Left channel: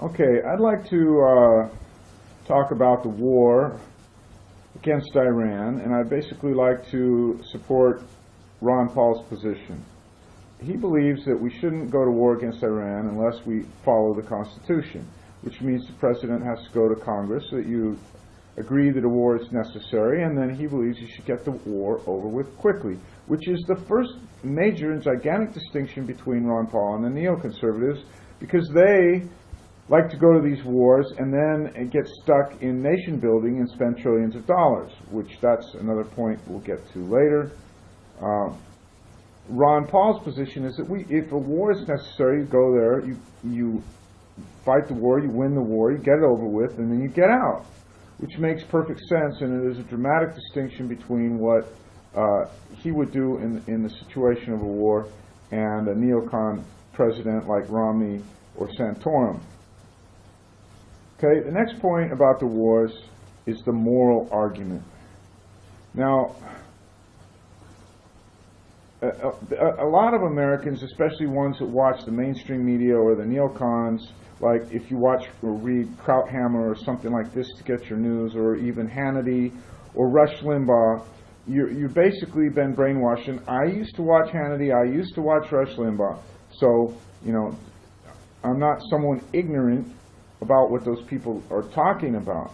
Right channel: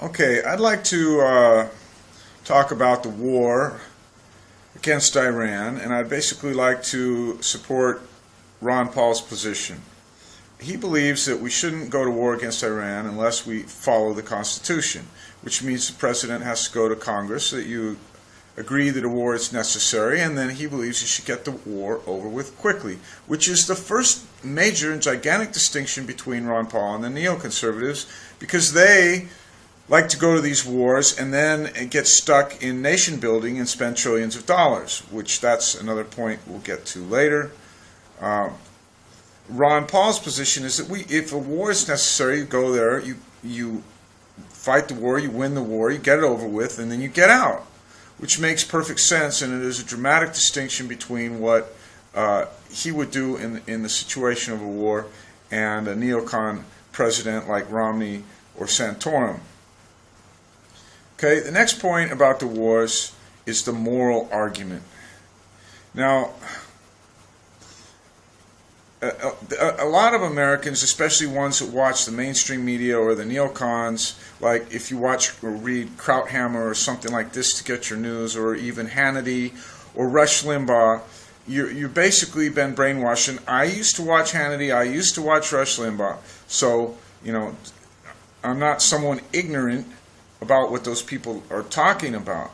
Okay, I'd like to talk about the war against Iran, and I'd basically like to support Ron Paul's position. He believes that we shouldn't go to war against Iran unless we follow the Constitution, which means the president has to go to Congress, that you agree that a war is necessary, and then he believes you should get the war over with quickly, which is the first major and gigantic distinction between Ron Paul and the neoconservatives, because they like to go to these wars and then get stuck in nation building and spend trillions of dollars, which that's another point we'll get to later. Ron Paul's position is that if a war is necessary, you go there, you fight the war, you win the war, you get it over with, and then you get out, which makes perfect sense, and it is a dramatic distinction between what he would do in the situation of a war and a neocon president like Romney or Santorum. Okay, the next point about the wars is the moral argument. Now, a lot of Americans, especially ones that watch the mainstream media or the neocons, like if you watch or read Krauthammer or something like this to get your news, or even Hannity or Rush Limbaugh, you've basically been brainwashed. And I used to watch Hannity, I used to watch Rush Limbaugh, so, I'm not someone ignorant about what those people are talking about.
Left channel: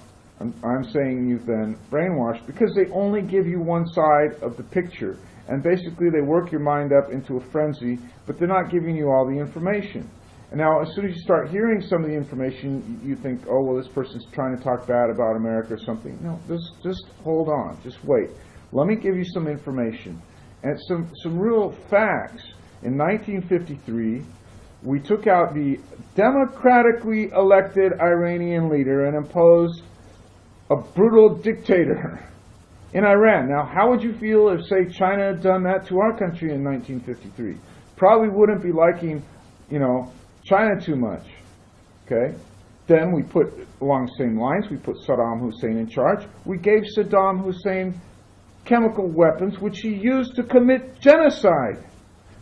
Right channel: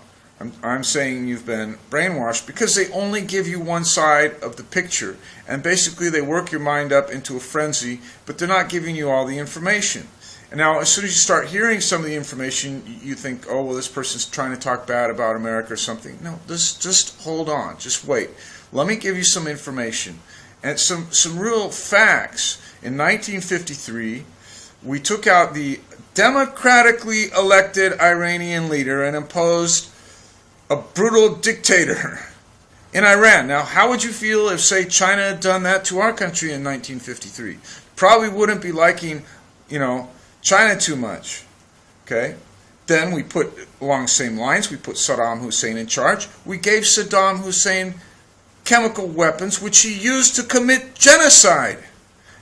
I'm saying you've been brainwashed because they only give you one side of the picture, and basically they work your mind up into a frenzy, but they're not giving you all the information. And now as soon as you start hearing some of the information, you think, oh, well, this person's trying to talk bad about America or something. No, just hold on, just wait. Let me give you some information and some real facts. In 1953, we took out the democratically elected Iranian leader and imposed a brutal dictator in Iran. Now, how would you feel if, say, China had done that to our country in 1953? Probably wouldn't be liking, China too much. Okay? Then we put, along the same lines, we put Saddam Hussein in charge. We gave Saddam Hussein chemical weapons, which he used to commit genocide.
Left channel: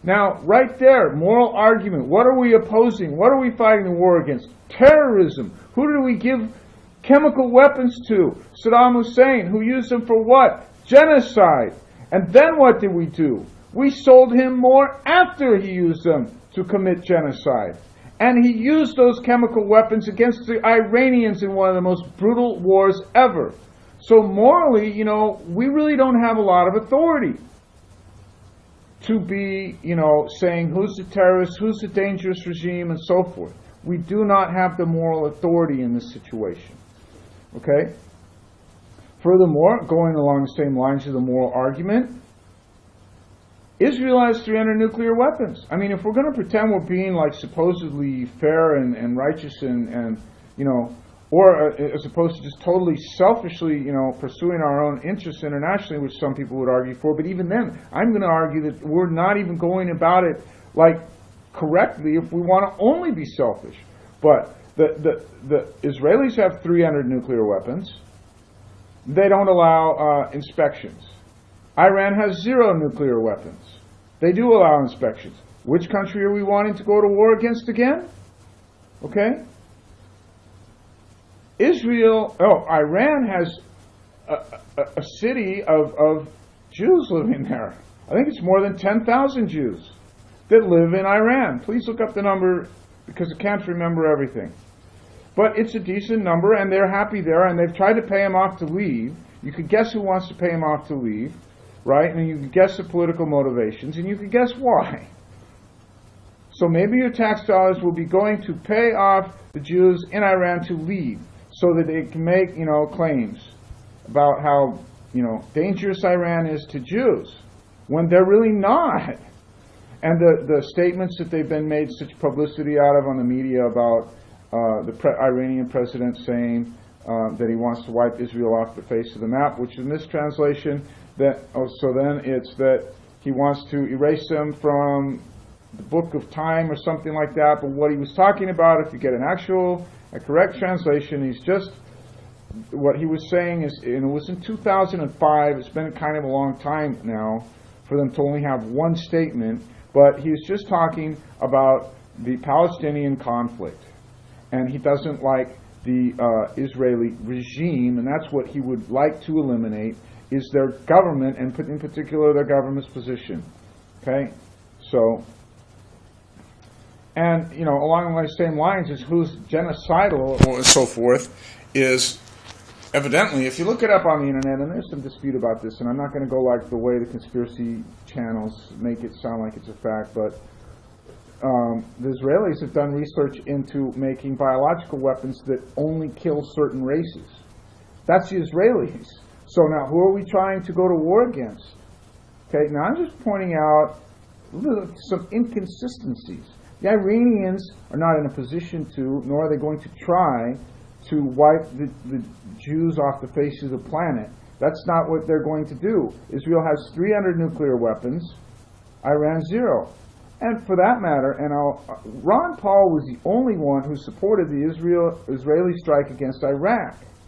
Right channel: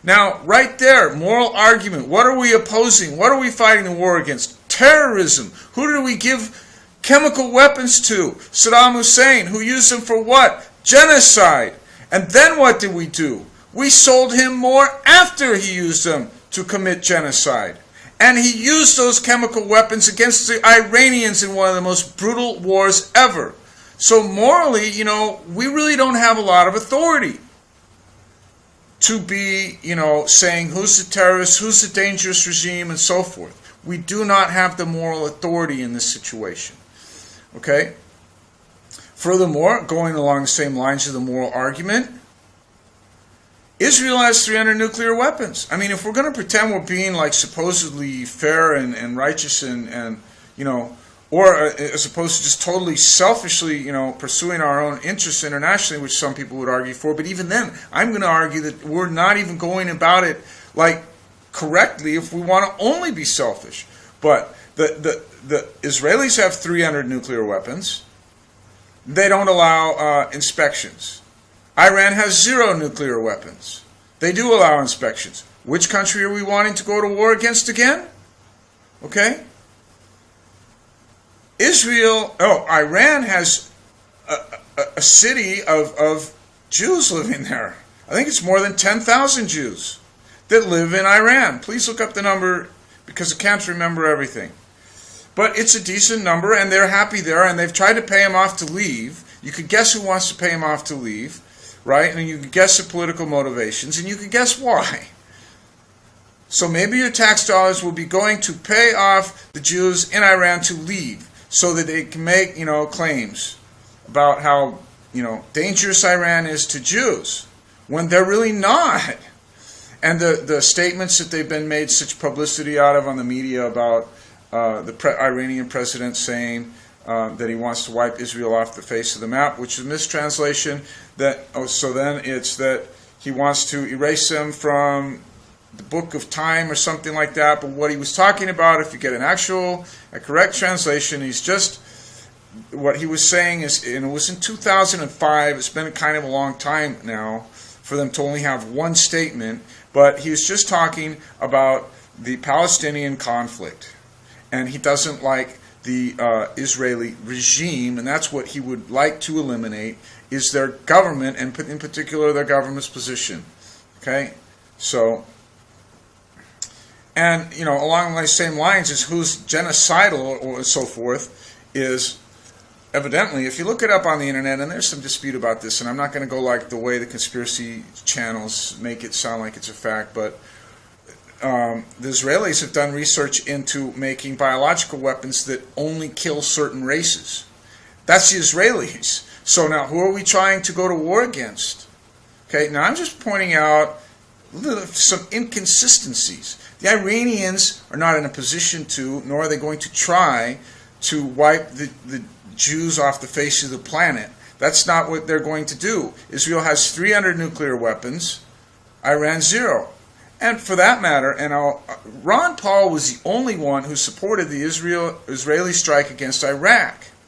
Now, right there, moral argument. What are we opposing? What are we fighting the war against? Terrorism. Who did we give chemical weapons to? Saddam Hussein. Who used them for what? Genocide. And then what did we do? We sold him more after he used them to commit genocide. And he used those chemical weapons against the Iranians in one of the most brutal wars ever. So morally, we really don't have a lot of authority to be, saying who's the terrorist, who's the dangerous regime, and so forth. We do not have the moral authority in this situation. Okay? Furthermore, going along the same lines of the moral argument, Israel has 300 nuclear weapons. I mean, if we're going to pretend we're being like supposedly fair and righteous and or as opposed to just totally selfishly, pursuing our own interests internationally, which some people would argue for. But even then, I'm going to argue that we're not even going about it correctly if we want to only be selfish. But the Israelis have 300 nuclear weapons. They don't allow inspections. Iran has 0 nuclear weapons. They do allow inspections. Which country are we wanting to go to war against again? Okay? Iran has a city of Jews living there. I think it's more than 10,000 Jews that live in Iran. Please look up the number because I can't remember everything. But it's a decent number, and they're happy there, and they've tried to pay him off to leave. You could guess who wants to pay him off to leave, right? And you could guess the political motivations, and you could guess why. So maybe your tax dollars will be going to pay off the Jews in Iran to leave, so that they can make, claims about how, dangerous Iran is to Jews, when they're really not. And the statements that they've been made such publicity out of on the media about the Iranian president saying that he wants to wipe Israel off the face of the map, which is a mistranslation. So then it's that he wants to erase them from the book of time or something like that. But what he was talking about, if you get a correct translation, what he was saying is, and it was in 2005, it's been kind of a long time now for them to only have one statement, but he was just talking about the Palestinian conflict. and he doesn't like the Israeli regime, and that's what he would like to eliminate, is their government, and in particular their government's position. Okay, so, and along the same lines is who's genocidal or so forth is evidently, if you look it up on the internet, and there's some dispute about this, and I'm not going to go like the way the conspiracy channels make it sound like it's a fact, but the Israelis have done research into making biological weapons that only kill certain races. That's the Israelis. So now, who are we trying to go to war against? Okay, now I'm just pointing out some inconsistencies. The Iranians are not in a position to, nor are they going to try to wipe the Jews off the face of the planet. That's not what they're going to do. Israel has 300 nuclear weapons, Iran 0. And for that matter, Ron Paul was the only one who supported the Israeli strike against Iraq.